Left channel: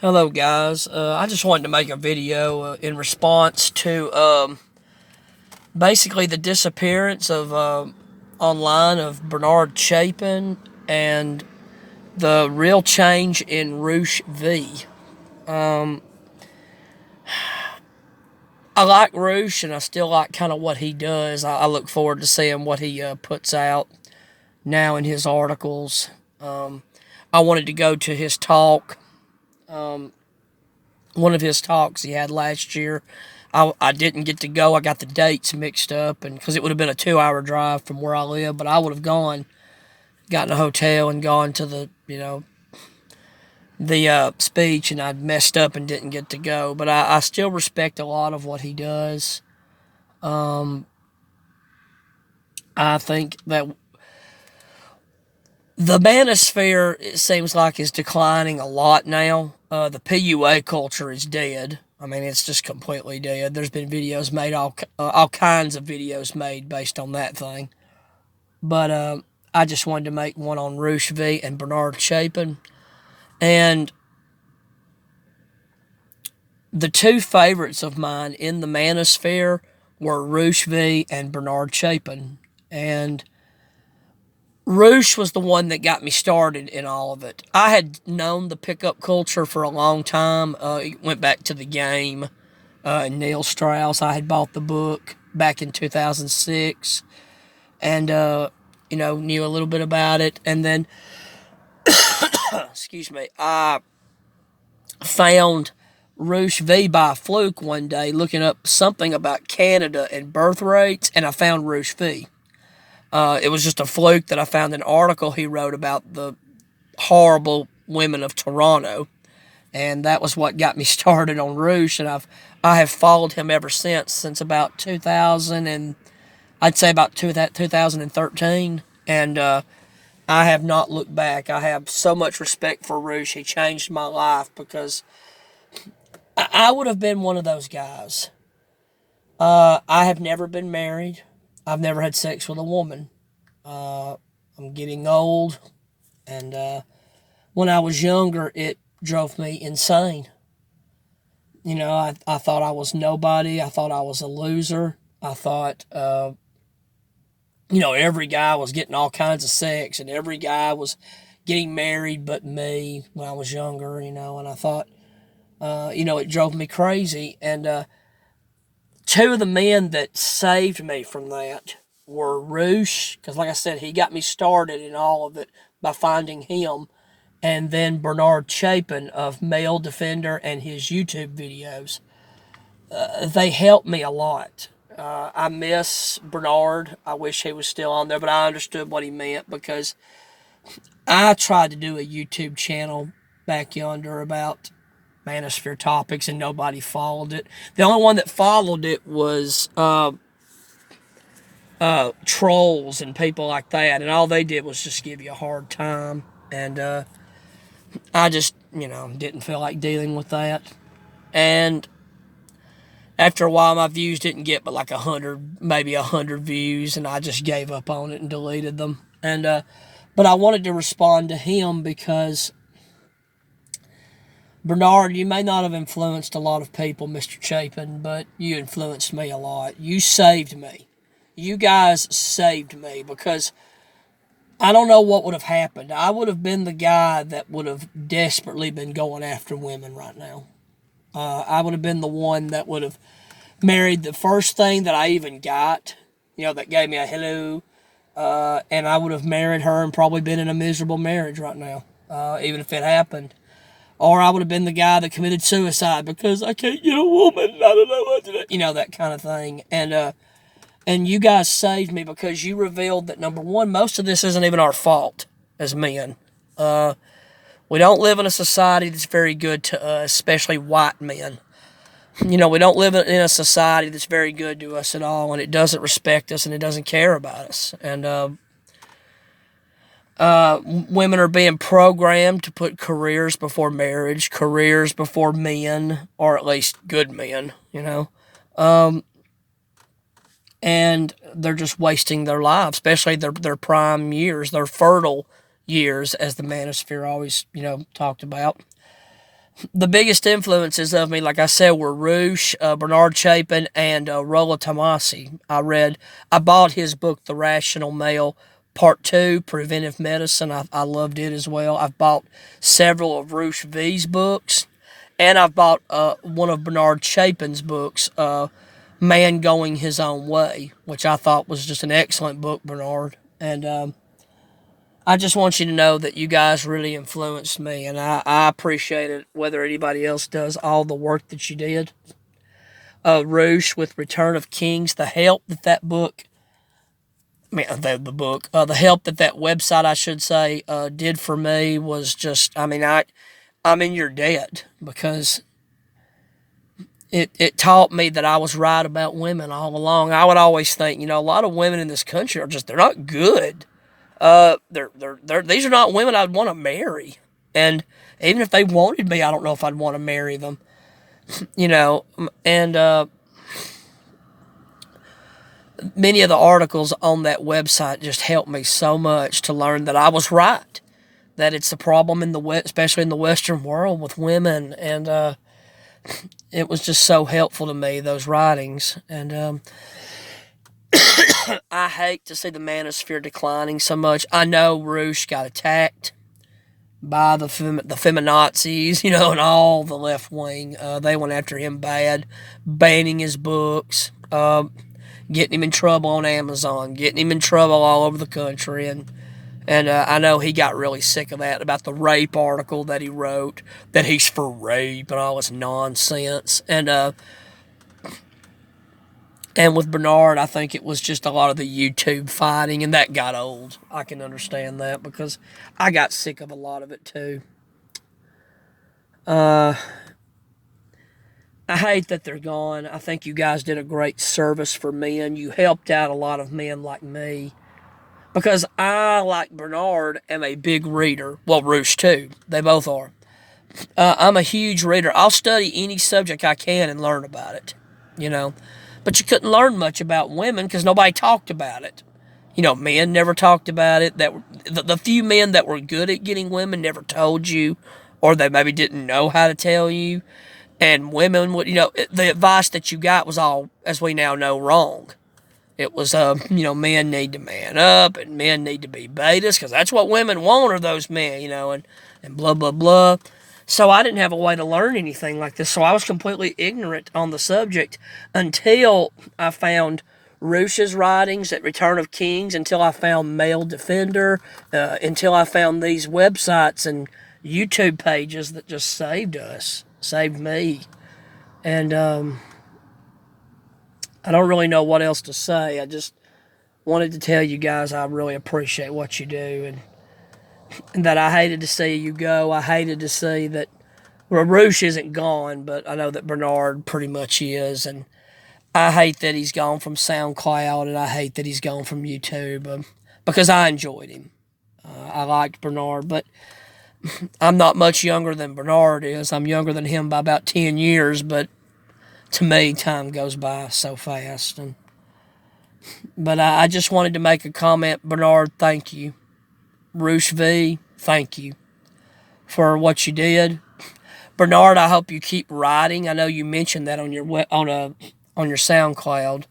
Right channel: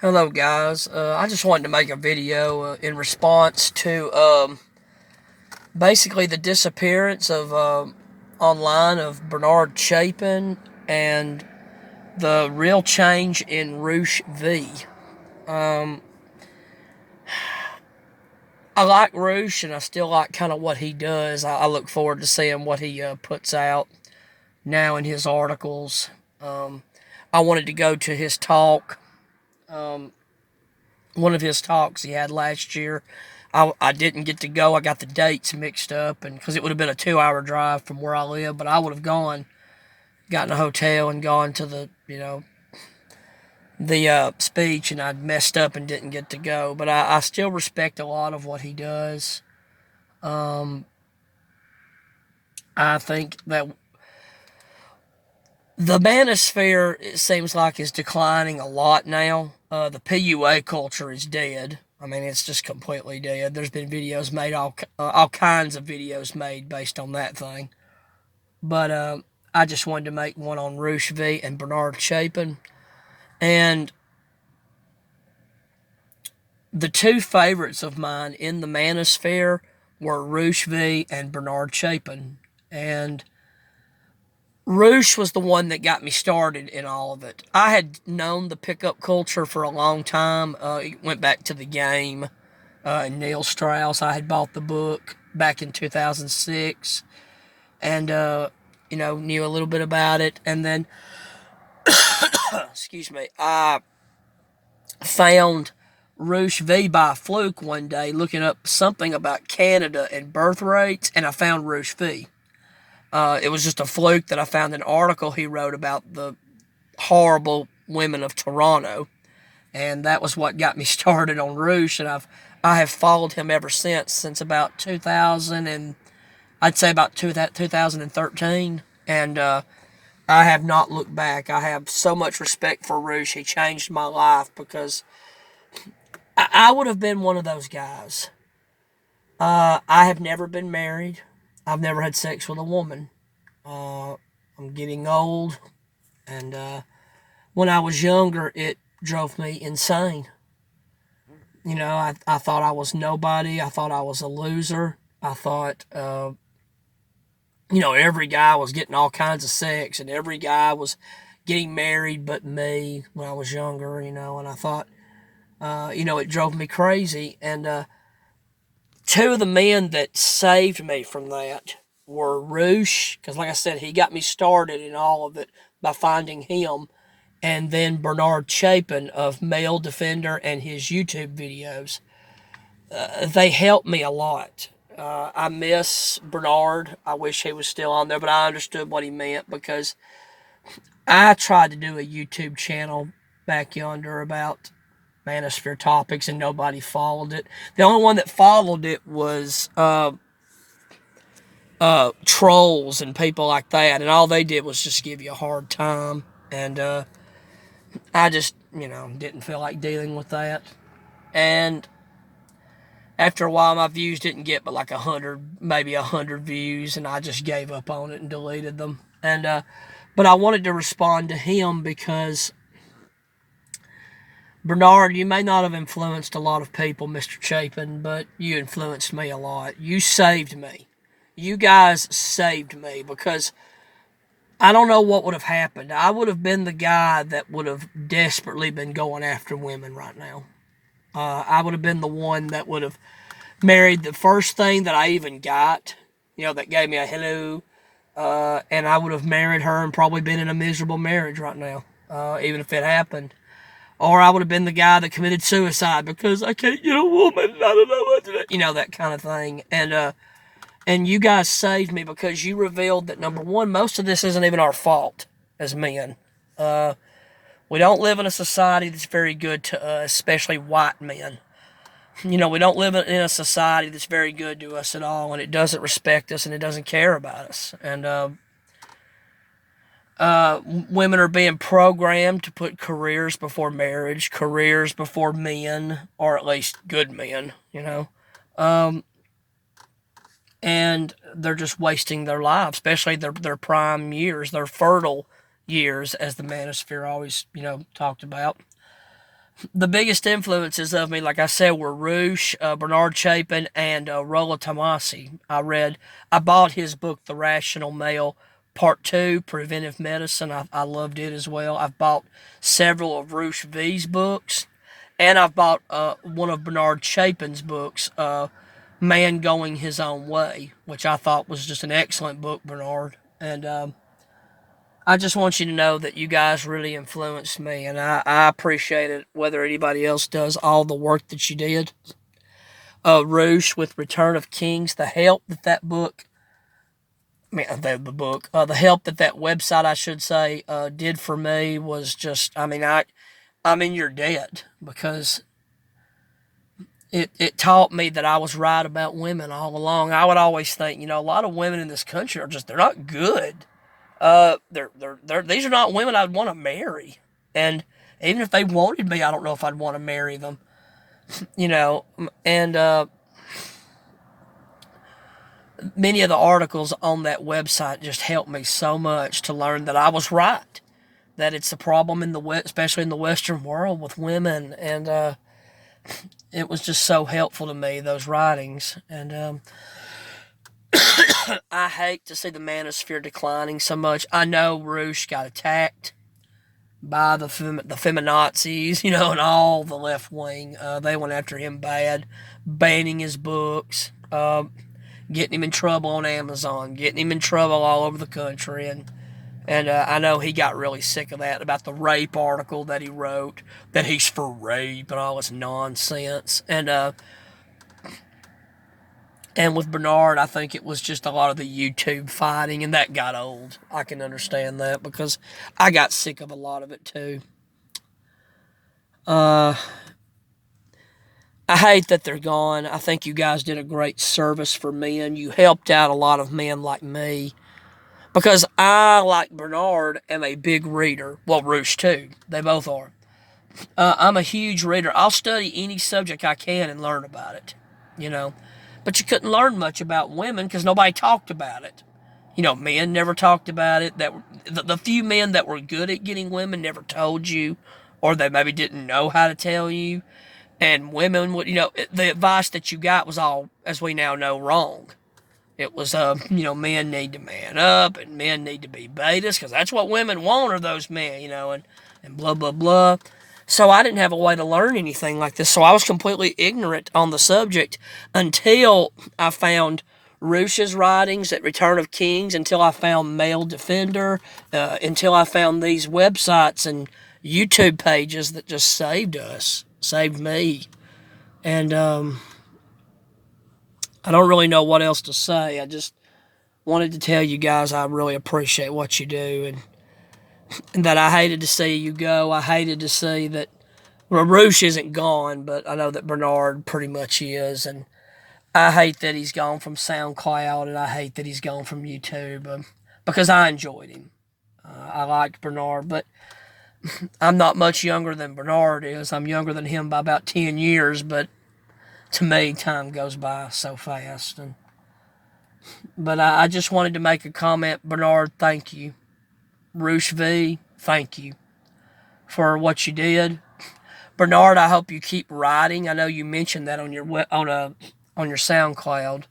Hello guys, I just wanted to make a video in response to basically the disappearance of online of Bernard Chapin and the real change in Roosh V. I like Roosh and I still like kind of what he does. I look forward to seeing what he puts out now in his articles. I wanted to go to his talk, one of his talks he had last year. I didn't get to go. I got the dates mixed up, and because it would have been a 2-hour drive from where I live, but I would have gone, gotten a hotel, and gone to the speech, and I'd messed up and didn't get to go. But I still respect a lot of what he does. I think that the manosphere, it seems like, is declining a lot now. The PUA culture is dead. I mean, it's just completely dead. There's been videos made, all kinds of videos made based on that thing. But I just wanted to make one on Roosh V and Bernard Chapin. And the two favorites of mine in the manosphere were Roosh V and Bernard Chapin. And Roosh was the one that got me started in all of it. I had known the pickup culture for a long time. It went back to the game and Neil Strauss. I had bought the book back in 2006 and, knew a little bit about it. And then, excuse me, I found Roosh V by fluke one day looking up something about Canada and birth rates, and I found Roosh V. It was just a fluke that I found an article he wrote about the horrible women of Toronto, and that was what got me started on Roosh. And I have followed him ever since about 2000, and I'd say about 2013, and I have not looked back. I have so much respect for Roosh. He changed my life because I would have been one of those guys. I have never been married. I've never had sex with a woman. I'm getting old, and when I was younger, it drove me insane. I thought I was nobody. I thought I was a loser. I thought, every guy was getting all kinds of sex, and every guy was getting married but me when I was younger, and I thought, it drove me crazy. And two of the men that saved me from that were Roosh, because like I said, he got me started in all of it by finding him, and then Bernard Chapin of Male Defender and his YouTube videos. They helped me a lot. I miss Bernard. I wish he was still on there, but I understood what he meant because I tried to do a YouTube channel back yonder about manosphere topics, and nobody followed it. The only one that followed it was trolls and people like that, and all they did was just give you a hard time. And I just, didn't feel like dealing with that. And after a while, my views didn't get but like 100, maybe 100 views, and I just gave up on it and deleted them. And but I wanted to respond to him because, Bernard, you may not have influenced a lot of people, Mr. Chapin, but you influenced me a lot. You saved me. You guys saved me because I don't know what would have happened. I would have been the guy that would have desperately been going after women right now. I would have been the one that would have married the first thing that I even got, that gave me a hello, and I would have married her and probably been in a miserable marriage right now, even if it happened. Or I would have been the guy that committed suicide because I can't get a woman. I don't know what to do. That kind of thing. And you guys saved me because you revealed that, number one, most of this isn't even our fault as men. We don't live in a society that's very good to us, especially white men. We don't live in a society that's very good to us at all, and it doesn't respect us, and it doesn't care about us. And women are being programmed to put careers before marriage, careers before men, or at least good men, and they're just wasting their lives, especially their prime years, their fertile years, as the manosphere always, talked about. the biggest influences of me, like I said, were Roosh, Bernard Chapin, and Rolla Tomasi. I bought his book, The Rational Male, Part 2, Preventive Medicine. I loved it as well. I've bought several of Roosh V's books, and I've bought one of Bernard Chapin's books, Man Going His Own Way, which I thought was just an excellent book, Bernard. And I just want you to know that you guys really influenced me, and I appreciate it, whether anybody else does, all the work that you did. Roosh with Return of Kings, the help that that book, I mean, the help that that website, I should say, did for me was just, I mean, I'm in your debt, because it taught me that I was right about women all along. I would always think, a lot of women in this country they're not good. These are not women I'd want to marry. And even if they wanted me, I don't know if I'd want to marry them. And many of the articles on that website just helped me so much to learn that I was right. That it's a problem especially in the Western world with women. And it was just so helpful to me, those writings. And I hate to see the manosphere declining so much. I know Roosh got attacked by the feminazis, and all the left wing. They went after him bad, banning his books, getting him in trouble on Amazon, getting him in trouble all over the country. And I know he got really sick of that, about the rape article that he wrote, that he's for rape and all this nonsense. And with Bernard, I think it was just a lot of the YouTube fighting, and that got old. I can understand that, because I got sick of a lot of it too. I hate that they're gone. I think you guys did a great service for men. You helped out a lot of men like me, because I, like Bernard, am a big reader. Well, Roosh too. They both are. I'm a huge reader. I'll study any subject I can and learn about it, But you couldn't learn much about women because nobody talked about it. Men never talked about it. The few men that were good at getting women never told you, or they maybe didn't know how to tell you. And women would, the advice that you got was all, as we now know, wrong. It was, men need to man up, and men need to be betas, because that's what women want, are those men, and blah, blah, blah. So I didn't have a way to learn anything like this. So I was completely ignorant on the subject until I found Roosh's writings at Return of Kings, until I found Male Defender, until I found these websites and YouTube pages that just saved me. And I don't really know what else to say. I just wanted to tell you guys I really appreciate what you do, and that I hated to see you go. I hated to see that, well, Roosh isn't gone, but I know that Bernard pretty much is, and I hate that he's gone from SoundCloud, and I hate that he's gone from YouTube, because I enjoyed him. I liked Bernard, but I'm not much younger than Bernard is. I'm younger than him by about 10 years, but to me, time goes by so fast. But I just wanted to make a comment. Bernard, thank you. Roosh V, thank you for what you did. Bernard, I hope you keep writing. I know you mentioned that on your SoundCloud.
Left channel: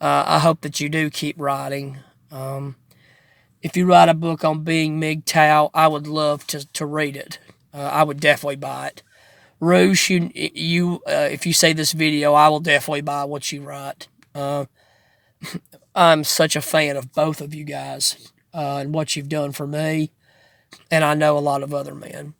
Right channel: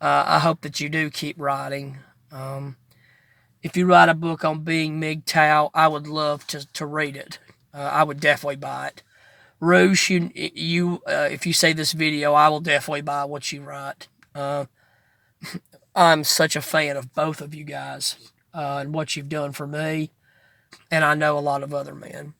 I hope that you do keep writing. If you write a book on being MGTOW, I would love to read it. I would definitely buy it. Roosh, if you see this video, I will definitely buy what you write. I'm such a fan of both of you guys and what you've done for me, and I know a lot of other men.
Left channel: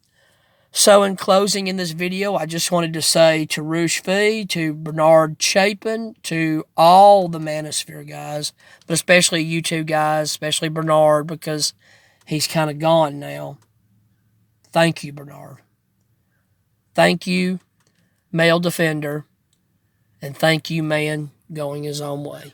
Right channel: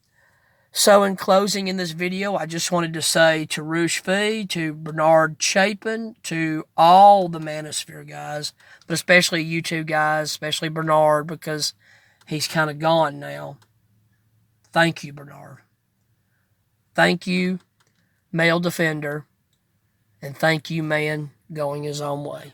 So in closing in this video, I just wanted to say to Roosh V, to Bernard Chapin, to all the Manosphere guys, but especially you two guys, especially Bernard, because he's kind of gone now. Thank you, Bernard. Thank you, Male Defender, and thank you, Man Going His Own Way.